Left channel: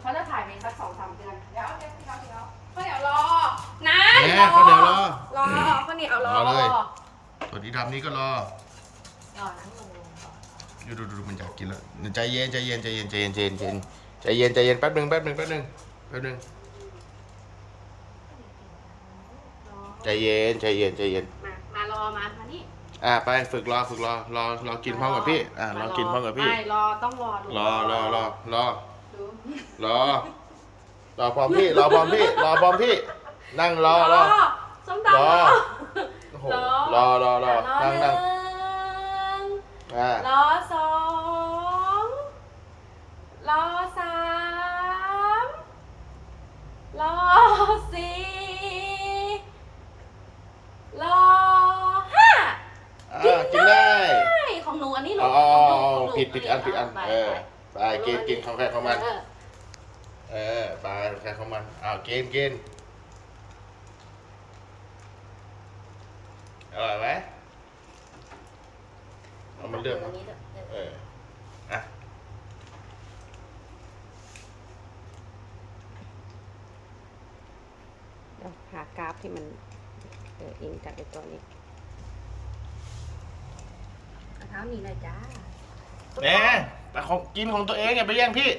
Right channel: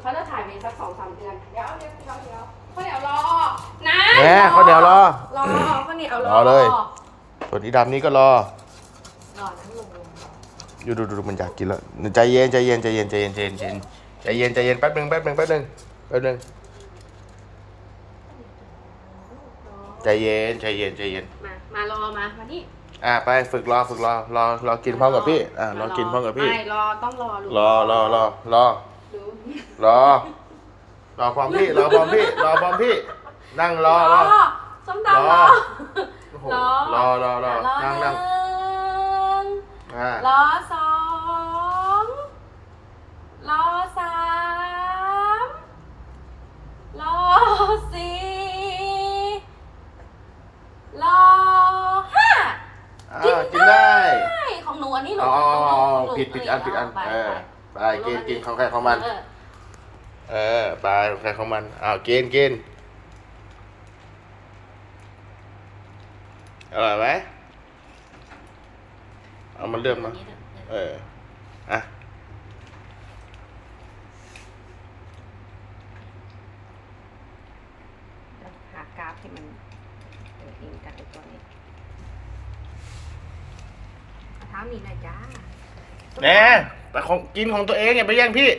เขาจะถ่ายไปสักสองสามเดือน เดี๋ยวเดี๋ยวเดี๋ยวเดี๋ยวข้าวเหนียวรอนะแหมข้าวเหนียวรอรอข้าวเหนียวรอรอเลย ส่วนอีดำนี่ก็รอ รอทั้งลงอยู่ดูดูดูมันอยากกินแล้วใจเย็นใจเย็นใจเย็นใจเย็นใจเย็นใจเย็นใจเย็นใจเย็นแป๊บหนึงแป๊บหนึงแป๊บหนึงแป๊บหนึงใจเย็นใจเย็นใจเย็นมามารอมามานี่อะไปฝึกรอฝึกรอรอรอกินพร้อมกับพี่อะรอกินพร้อมกับพี่ไม่รอต้องรอลูกรอรอรอรอดู รอ รอพร้อมพี่ รอพร้อมพี่ รอพร้อมพี่ นั่งรอรอ ส้มตำรรอ อ โอ้โหรอรอรอรอนั่งนั่งหนึ่งอ่ารอสองรอสามรอสี่รอห้าอ่ากินได้ใช่ของหนูอันนี้หนูเอาเอาเอาเอาของหนูผิดผิดอันผิดอันไปเออ ไปไป กินกินของใครของมันเออเออไปของใครของมันอ้าวกินกินอร่อยไหมเอามันเลือกมาเอออะหากราฟที่มันเอออินกับไอ้ตัวนี้เอาเท้ามีหน่อยจ้าแหน่ แต่ของกินของตัวเองอย่าไปแย่งพี่